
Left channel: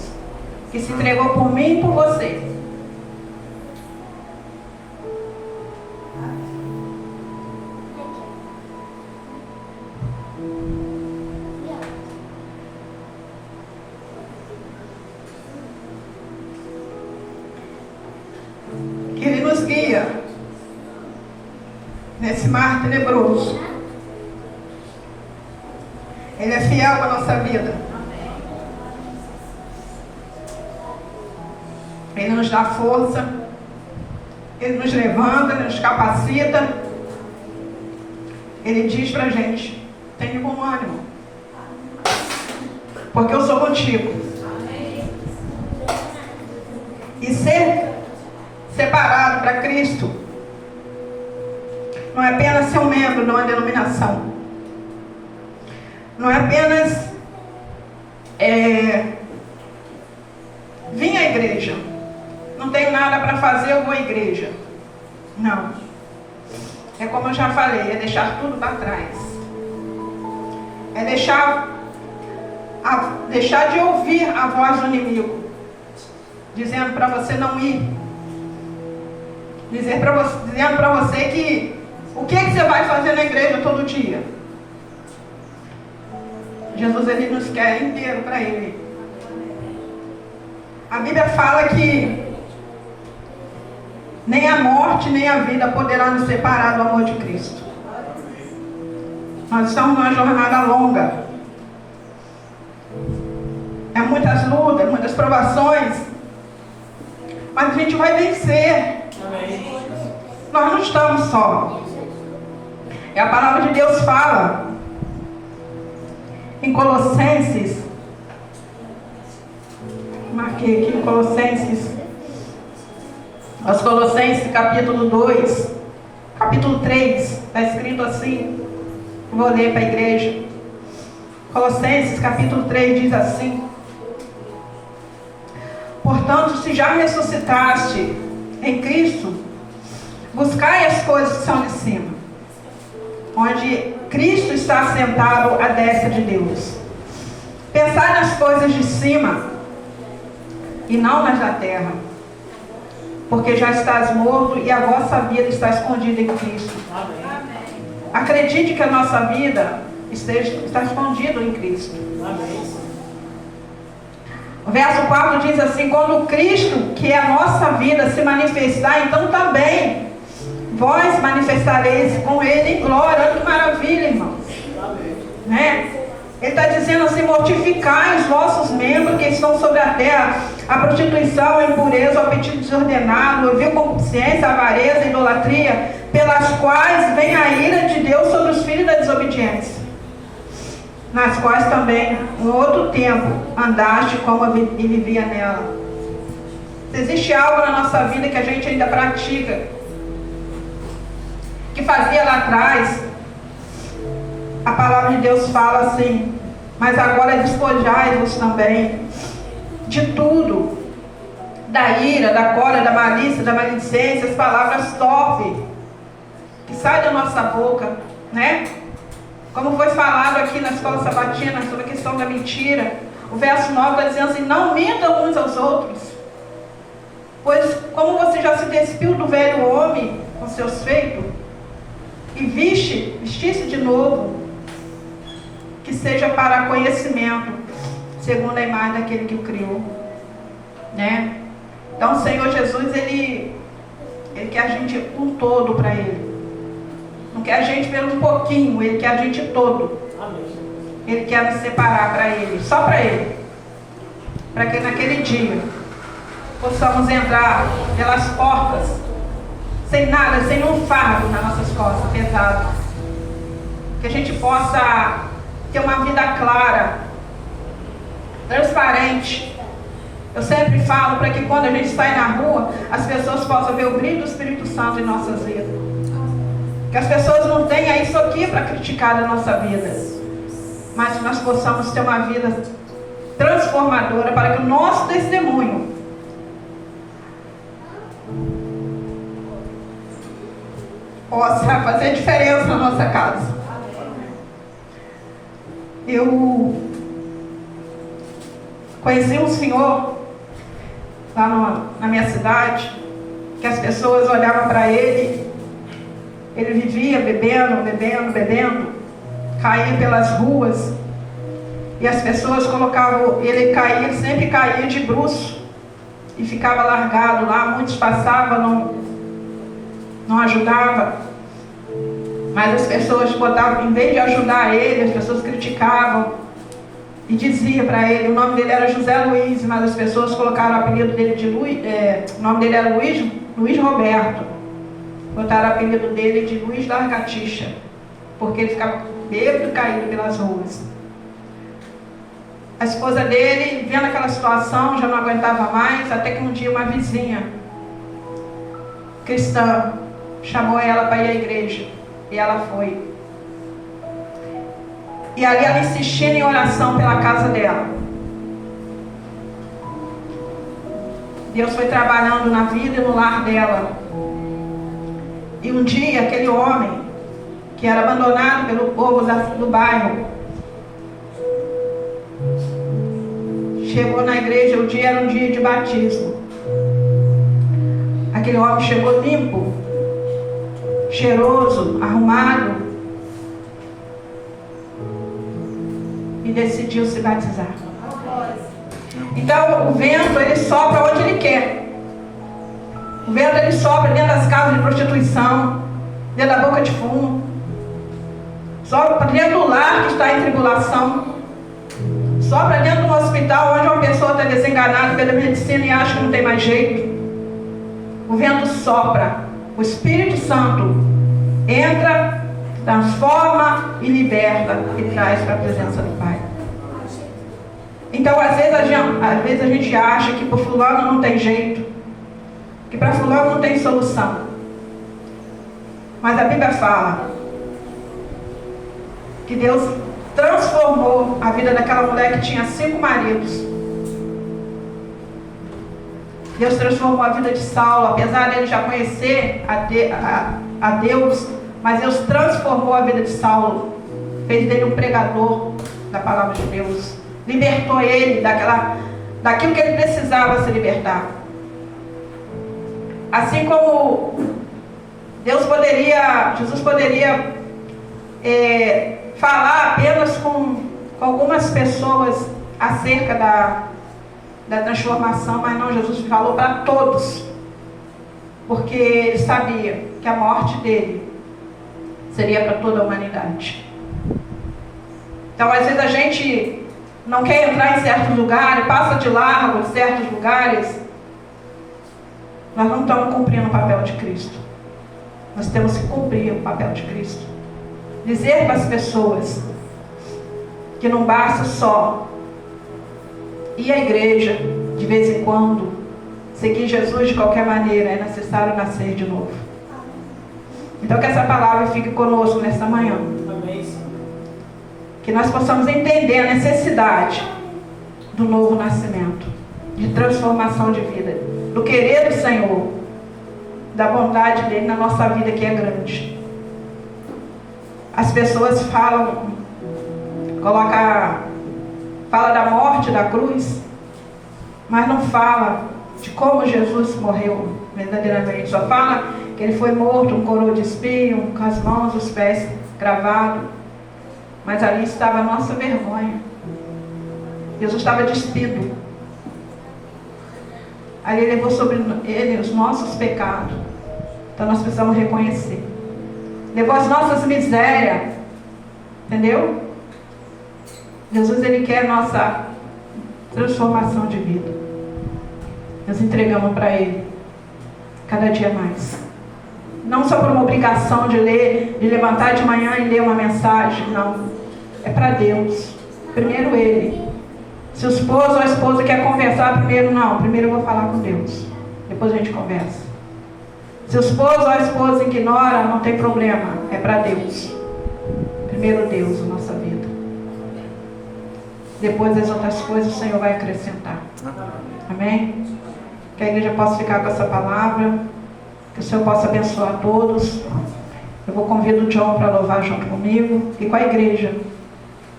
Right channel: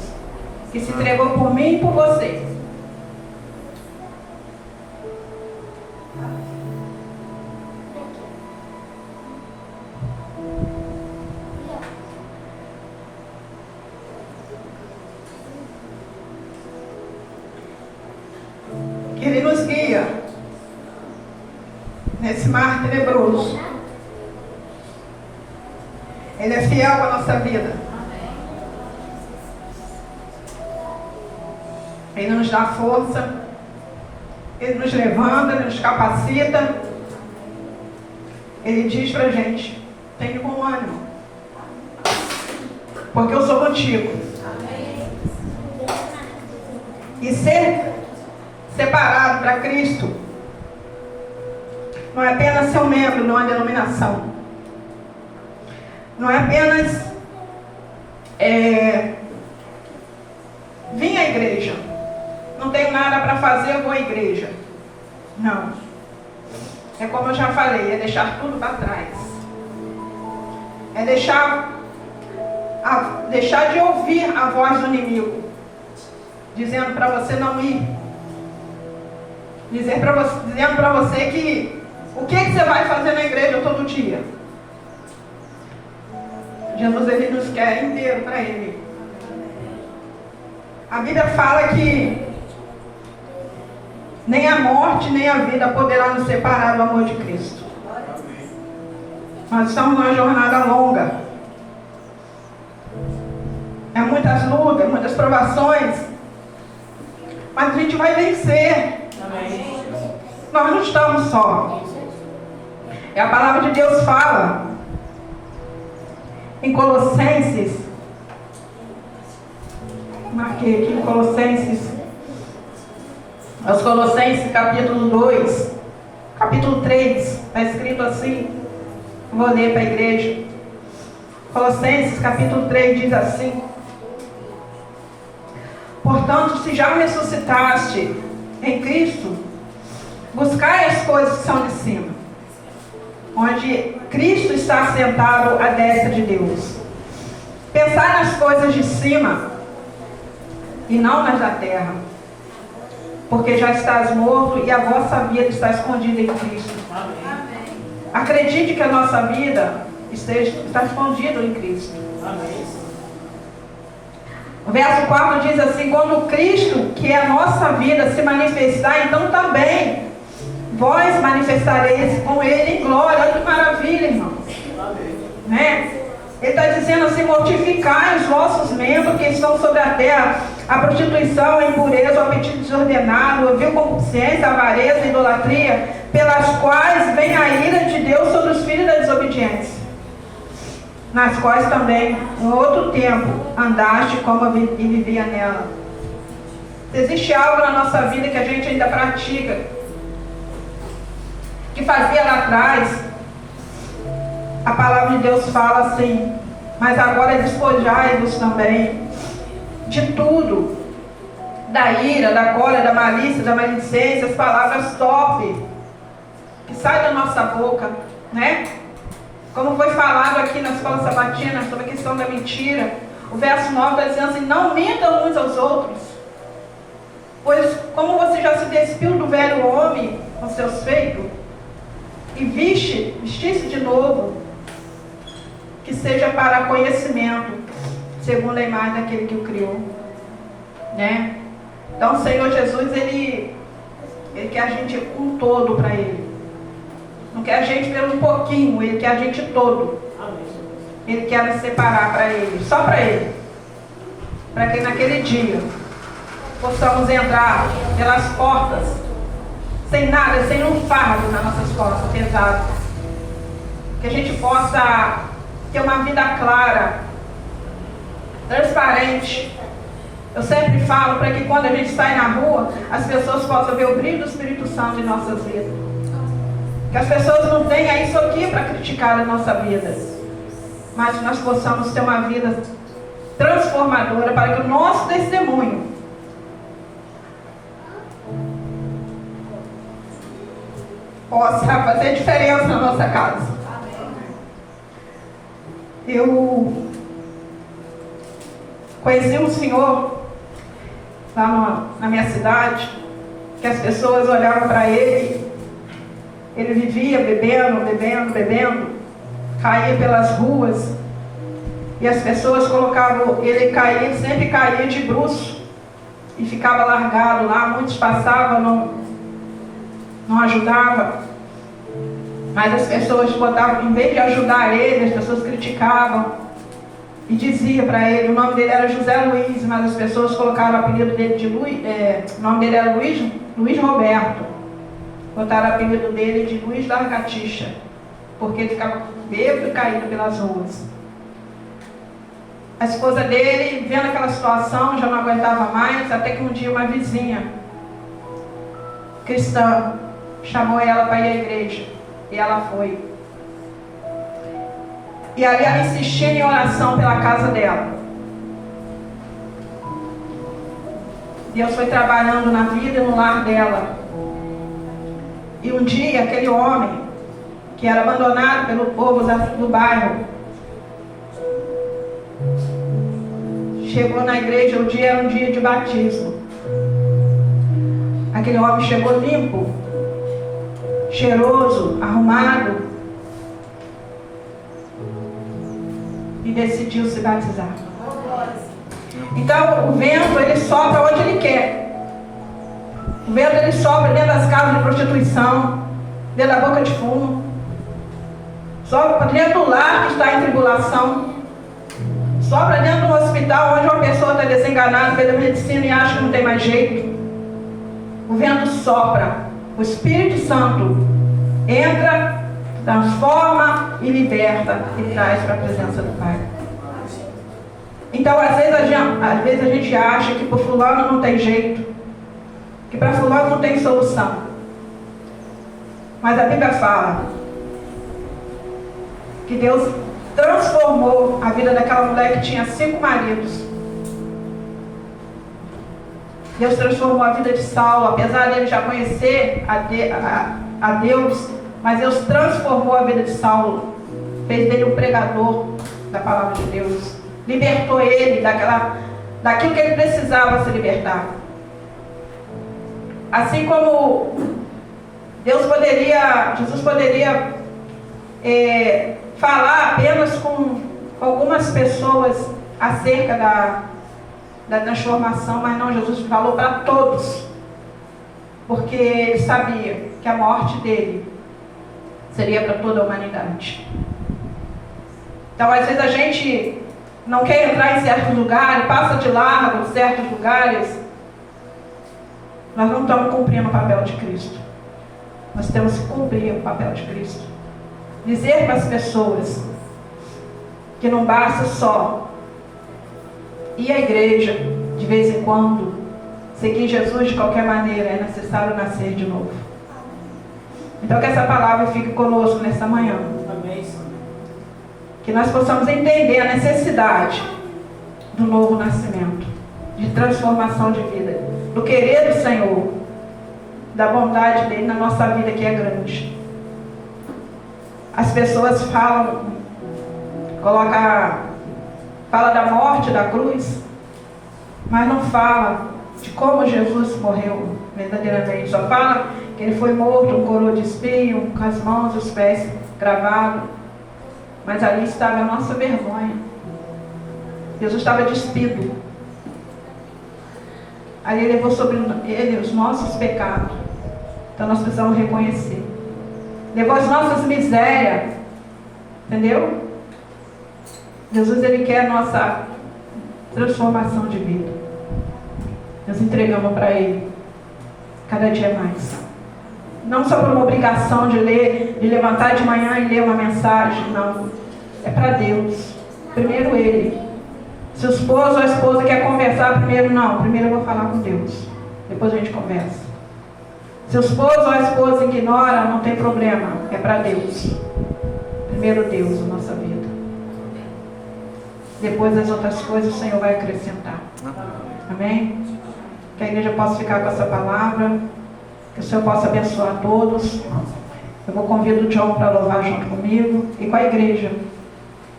que se entregou por mim e por você. Que Ele nos guia nesse mar tenebroso. Ele é fiel para a nossa vida. Ele nos dá força, Ele nos levanta, Ele nos capacita. Ele diz para a gente: tenha bom ânimo, porque eu sou contigo. E ser separado para Cristo não é apenas ser um membro de uma denominação. Não é apenas vir à igreja. Não tenho nada para fazer, eu vou à igreja. Não. É como eu já falei, é deixar tudo para trás. É deixar de ouvir a voz do inimigo, dizendo para você não ir. Dizendo para você que o que você vai fazer na igreja todo dia. Jesus, Ele nos quer inteiro para Ele. A Bíblia fala que nem a morte nem a vida poderá nos separar do amor de Cristo. Nós estamos numa jornada longa. É muitas lutas, muitas provações. Mas a gente vai vencer. Amém. Nós não estamos só. E a palavra de Deus fala em Colossenses, marquei aqui no Colossenses, aos Colossenses capítulo 2, capítulo 3, está escrito assim, vou ler para a igreja. Colossenses capítulo 3 diz assim: portanto, se já ressuscitaste em Cristo, buscai as coisas que são de cima, onde Cristo está assentado à destra de Deus. Pensai nas coisas de cima e não nas da terra, porque já estás morto e a vossa vida está escondida em Cristo. Amém. Acredite que a nossa vida está escondida em Cristo. Amém. O verso 4 diz assim: quando Cristo, que é a nossa vida, se manifestar, então também vós manifestareis com ele em glória. Olha que maravilha, irmãos. Né? Ele está dizendo assim: mortificai os vossos membros que estão sobre a terra, a prostituição, a impureza, o apetite desordenado, o vil concupiscência, a avareza, a idolatria, pelas quais vem a ira de Deus sobre os filhos da desobediência, nas quais também, em outro tempo, andaste como e vivia nela. Se existe algo na nossa vida que a gente ainda pratica, que fazia lá atrás, a palavra de Deus fala assim: mas agora despojai-vos também de tudo, da ira, da cólera, da malícia, da maledicência, as palavras top que saem da nossa boca, né? Como foi falado aqui na escola sabatina sobre a questão da mentira, o verso 9 está dizendo assim: não mintam uns aos outros, pois como você já se despiu do velho homem com seus feitos, e vestisse de novo, que seja para conhecimento, segundo a imagem daquele que o criou, né? Então o Senhor Jesus, Ele quer a gente um todo para Ele. Não quer a gente pelo um pouquinho, Ele quer a gente todo. Ele quer nos separar para Ele, só para Ele. Para que naquele dia possamos entrar pelas portas, sem nada, sem um fardo nas nossas costas pesado. Que a gente possa ter uma vida clara, transparente. Eu sempre falo para que quando a gente sai na rua, as pessoas possam ver o brilho do Espírito Santo em nossas vidas. Que as pessoas não tenham isso aqui para criticar na nossa vida, mas que nós possamos ter uma vida transformadora para que o nosso testemunho possa fazer diferença na nossa casa. Eu conheci um senhor lá na minha cidade, que as pessoas olhavam para ele, ele vivia bebendo, caía pelas ruas, e as pessoas colocavam, ele sempre caía de bruço, e ficava largado lá. Muitos passavam, não ajudava, mas as pessoas botavam, em vez de ajudar ele, as pessoas criticavam e diziam para ele. O nome dele era José Luiz, mas as pessoas colocaram o apelido dele de Luiz, o nome dele era Luiz Roberto, botaram o apelido dele de Luiz Largatixa, porque ele ficava bêbado e caído pelas ruas. A esposa dele, vendo aquela situação, já não aguentava mais, até que um dia uma vizinha cristã chamou ela para ir à igreja, e ela foi. E ali ela insistia em oração pela casa dela. Deus foi trabalhando na vida e no lar dela. E um dia aquele homem, que era abandonado pelo povo do bairro, chegou na igreja. O dia era um dia de batismo. Aquele homem chegou limpo, cheiroso, arrumado, e decidiu se batizar. Então o vento, ele sopra onde ele quer. O vento, ele sopra dentro das casas de prostituição, dentro da boca de fumo, sopra dentro do lar que está em tribulação, sopra dentro de um hospital onde uma pessoa está desenganada pela medicina e acha que não tem mais jeito. O vento sopra, o Espírito Santo entra, transforma e liberta e traz para a presença do Pai. Então, às vezes a gente acha que por fulano não tem jeito, que para fulano não tem solução. Mas a Bíblia fala que Deus transformou a vida daquela mulher que tinha 5 maridos. Deus transformou a vida de Saulo, apesar dele já conhecer a Deus, mas Deus transformou a vida de Saulo, fez dele um pregador da palavra de Deus, libertou ele daquilo que ele precisava se libertar. Assim como Jesus poderia falar apenas com algumas pessoas acerca da transformação, mas não, Jesus falou para todos, porque ele sabia que que a morte dele seria para toda a humanidade. Então, às vezes a gente não quer entrar em certos lugares, passa de largo em certos lugares. Nós não estamos cumprindo o papel de Cristo. Nós temos que cumprir o papel de Cristo. Dizer para as pessoas que não basta só ir à igreja de vez em quando, seguir Jesus de qualquer maneira, é necessário nascer de novo. Então que essa palavra fique conosco nesta manhã. Que nós possamos entender a necessidade do novo nascimento, de transformação de vida, do querer do Senhor, da bondade dele na nossa vida que é grande. As pessoas falam da morte, da cruz, mas não fala de como Jesus morreu verdadeiramente. Só fala que ele foi morto, um coroa de espinho, com as mãos e os pés gravados. Mas ali estava a nossa vergonha. Jesus estava despido. Ali ele levou sobre ele os nossos pecados. Então nós precisamos reconhecer. Levou as nossas misérias. Entendeu? Jesus, ele quer a nossa transformação de vida. Nós entregamos para ele cada dia mais. Não só por uma obrigação de ler, de levantar de manhã e ler uma mensagem, não. É para Deus. Primeiro ele. Se o esposo ou a esposa quer conversar primeiro, não. Primeiro eu vou falar com Deus. Depois a gente conversa. Se o esposo ou a esposa ignora, não tem problema. É para Deus. Primeiro Deus na nossa vida. Depois as outras coisas o Senhor vai acrescentar. Amém? Que a igreja possa ficar com essa palavra. Que o Senhor possa abençoar todos. Eu vou convidar o John para louvar junto comigo e com a igreja.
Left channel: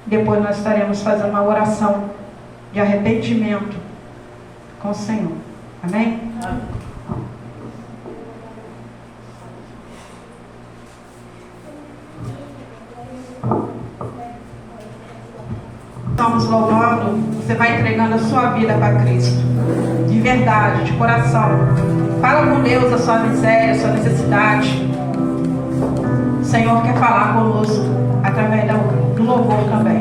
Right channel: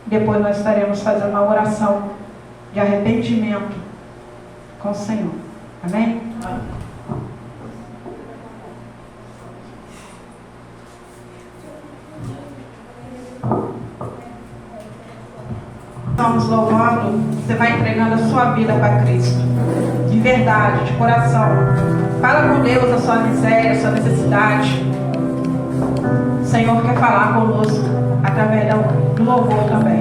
Depois nós estaremos fazendo uma oração de arrependimento com o Senhor. Amém? Estamos louvando, você vai entregando a sua vida para Cristo. De verdade, de coração. Fala com Deus a sua miséria, a sua necessidade. O Senhor quer falar conosco através do louvor também.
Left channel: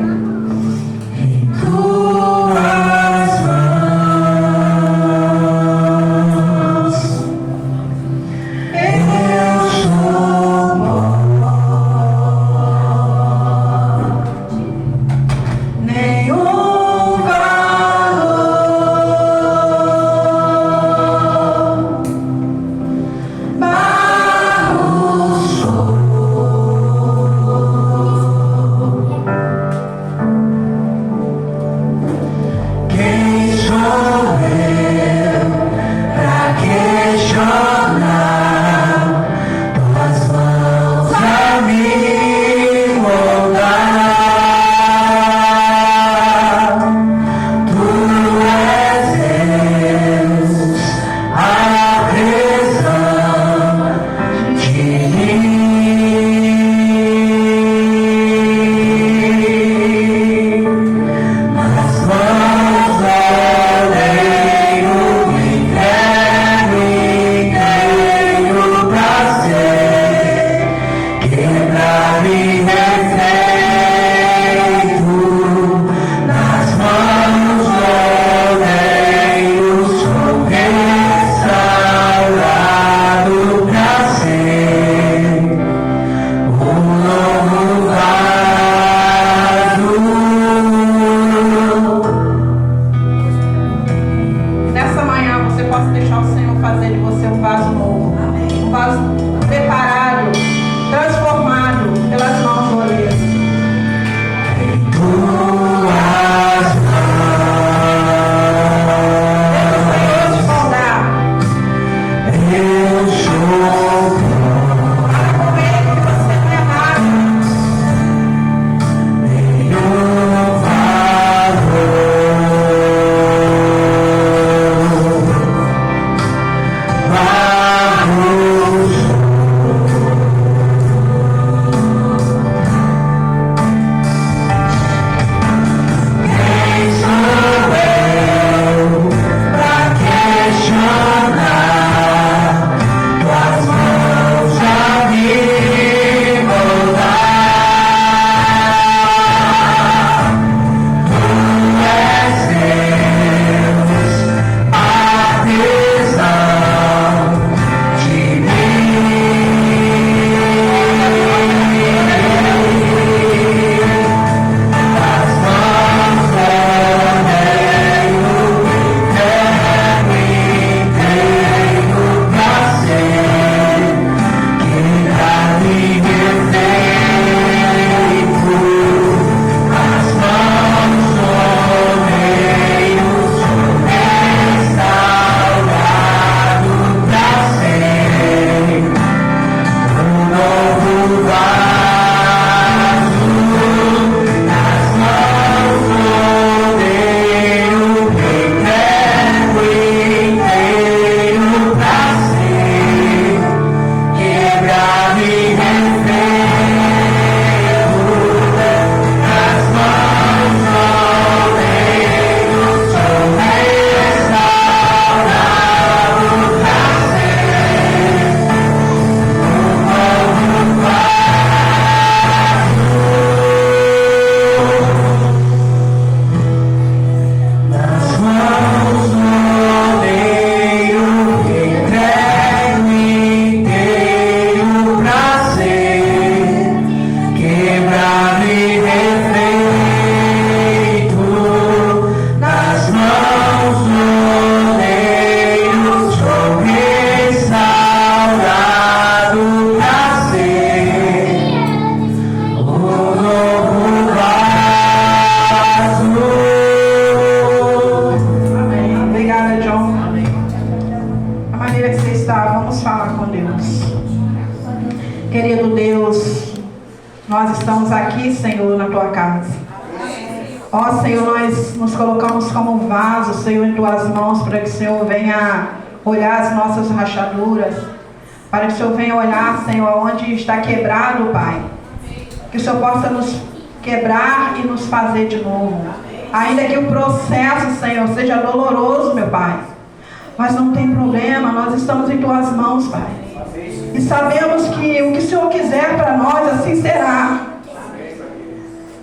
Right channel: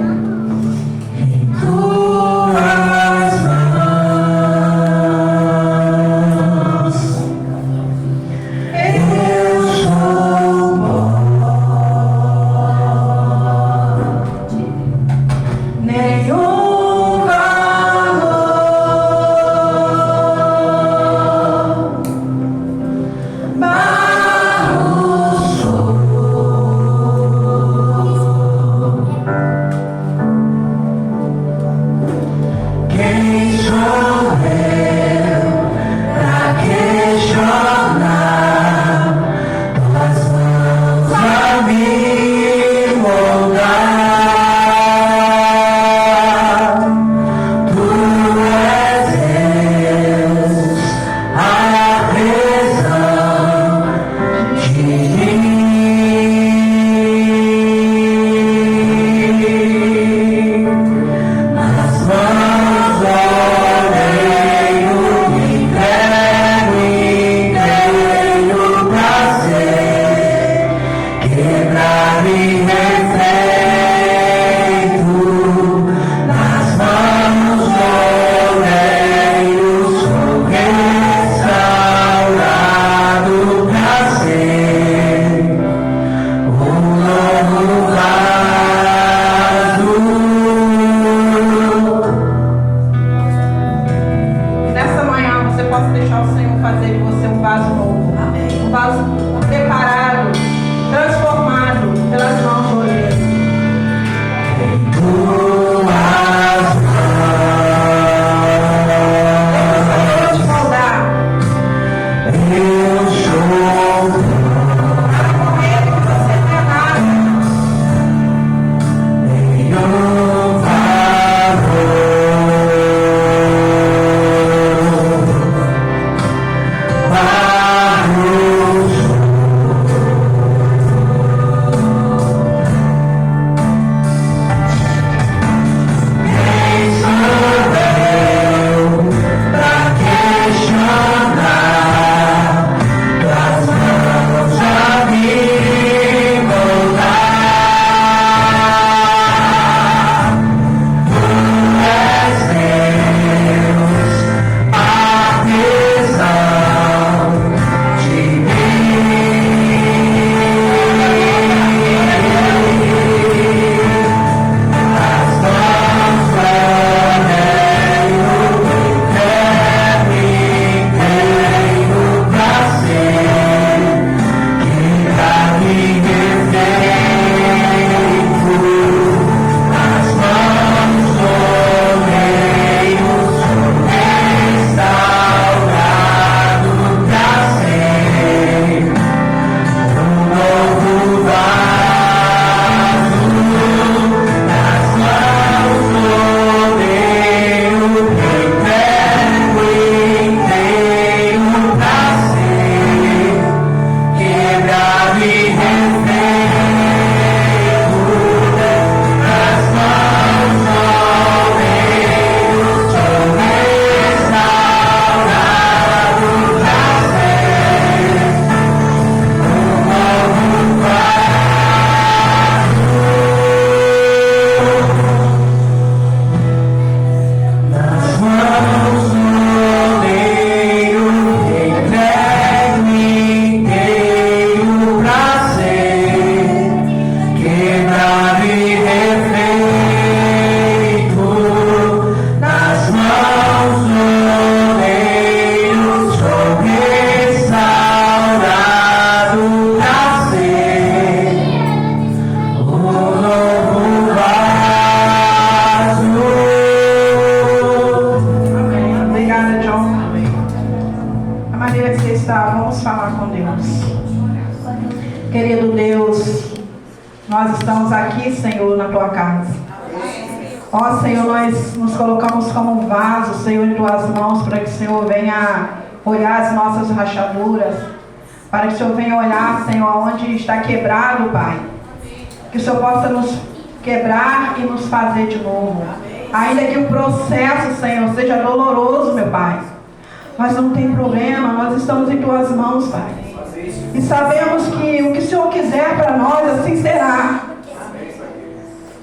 aqui, Senhor, na tua casa. Ó Senhor, nós nos colocamos como vaso, Senhor, em tuas mãos, para que o Senhor venha olhar as nossas rachaduras, para que o Senhor venha olhar, Senhor, onde está quebrado, Pai. Que o Senhor possa nos quebrar e nos fazer de novo. Ainda que o processo, Senhor, seja doloroso, meu Pai, mas não tem problema, nós estamos em tuas mãos, Pai. E sabemos que o que o Senhor quiser para nós, assim será.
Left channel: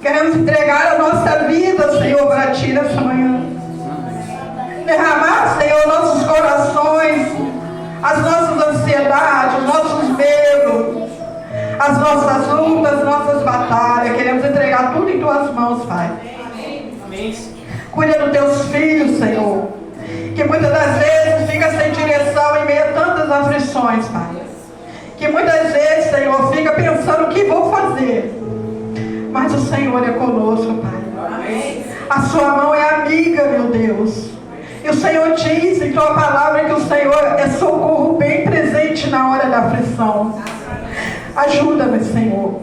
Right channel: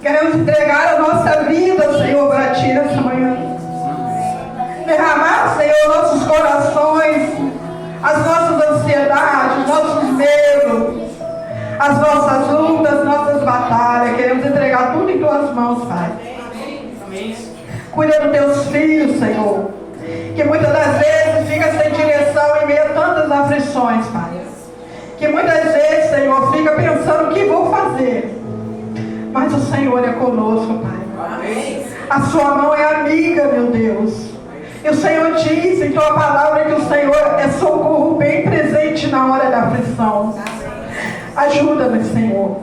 Queremos entregar a nossa vida, Senhor, para Ti nessa manhã. Derramar, Senhor, nossos corações, as nossas ansiedades, nossos medos, as nossas lutas, nossas batalhas. Queremos entregar tudo em Tuas mãos, Pai. Cuida dos Teus filhos, Senhor, que muitas das vezes fica sem direção em meio a tantas aflições, Pai. Que muitas vezes, Senhor, fica pensando o que vou fazer. Mas o Senhor é conosco, Pai. A sua mão é amiga, meu Deus. E o Senhor diz em tua palavra que o Senhor é socorro bem presente na hora da aflição. Ajuda-nos, Senhor.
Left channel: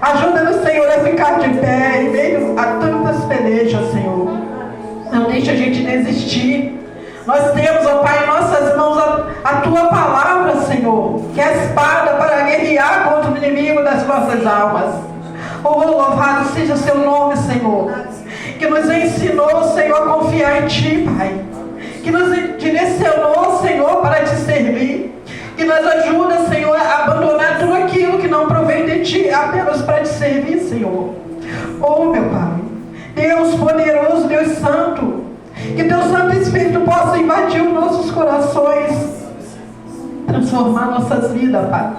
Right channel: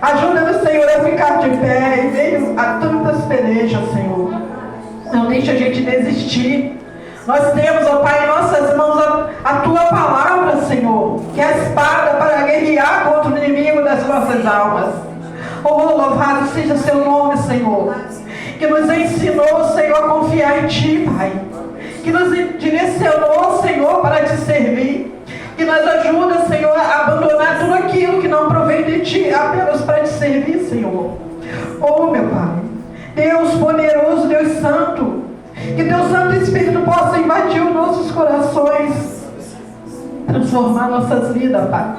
Ajuda-nos, Senhor, a ficar de pé em meio a tantas pelejas, Senhor. Não deixe a gente desistir. Nós temos, ó Pai, em nossas mãos a tua palavra, Senhor, que é a espada para guerrear contra o inimigo das nossas almas. Oh, louvado seja o seu nome, Senhor, que nos ensinou, Senhor, a confiar em Ti, Pai, que nos direcionou, Senhor, para Te servir, que nos ajuda, Senhor, a abandonar tudo aquilo que não provém de Ti, apenas para Te servir, Senhor. Oh, meu Pai, Deus poderoso, Deus santo, que Teu Santo Espírito possa invadir os nossos corações, transformar nossas vidas, Pai.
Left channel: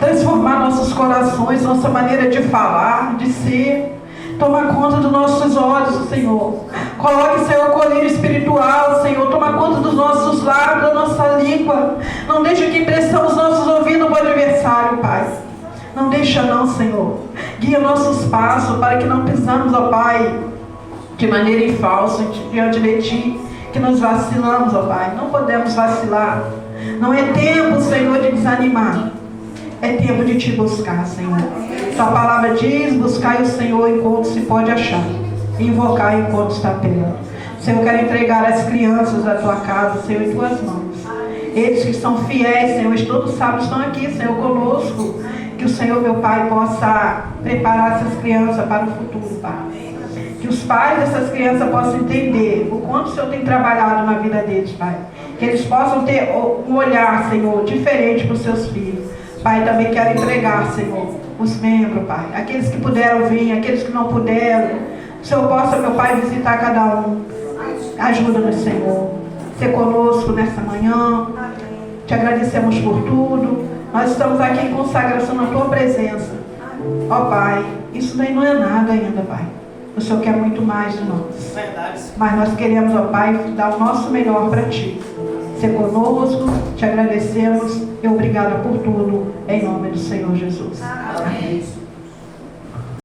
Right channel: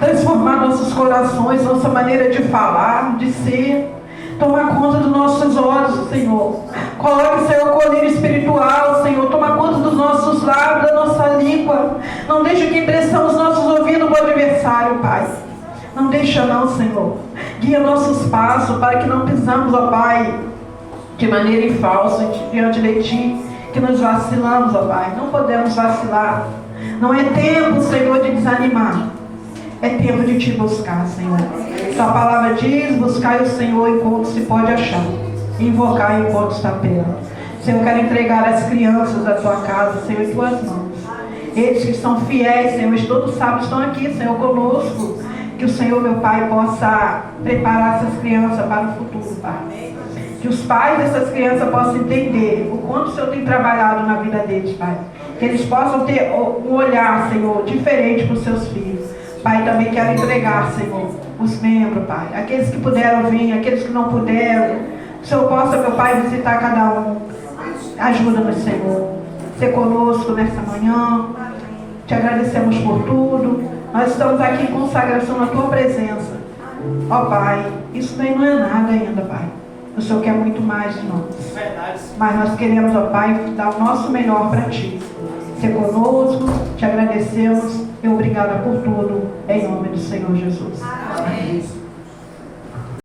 Transformar nossos corações, nossa maneira de falar, de ser. Toma conta dos nossos olhos, Senhor. Coloque, Senhor, o colírio espiritual, Senhor. Toma conta dos nossos lábios, da nossa língua. Não deixe que emprestamos nossos ouvidos ao adversário, Pai. Não deixa não, Senhor. Guia nossos passos para que não pisamos, ó Pai, de maneira em falso diante de Ti, que nos vacilamos, ó Pai. Não podemos vacilar. Não é tempo, Senhor, de desanimar. É tempo de Te buscar, Senhor. Sua palavra diz: buscai o Senhor enquanto se pode achar, invocar enquanto está perto. Senhor, eu quero entregar as crianças da Tua casa, Senhor, em Tuas mãos. Eles que são fiéis, Senhor, e todos sábados estão aqui, Senhor, conosco. Que o Senhor, meu Pai, possa preparar essas crianças para o futuro, Pai. Que os pais dessas crianças possam entender o quanto o Senhor tem trabalhado na vida deles, Pai. Que eles possam ter um olhar, Senhor, diferente para os seus filhos. Pai, também quero entregar, Senhor, os membros, Pai, aqueles que puderam vir, aqueles que não puderam. O Senhor possa, meu Pai, visitar cada um. Ajuda-nos, Senhor, ser conosco nessa manhã. Te agradecemos por tudo. Nós estamos aqui em consagração na Tua presença. Ó Pai, isso daí não é nada ainda, Pai. O Senhor quer muito mais de nós. Mas nós queremos, ó Pai, dar o nosso melhor para Ti. Ser conosco, te agradecemos e obrigada por tudo, em nome do Senhor Jesus. Amém.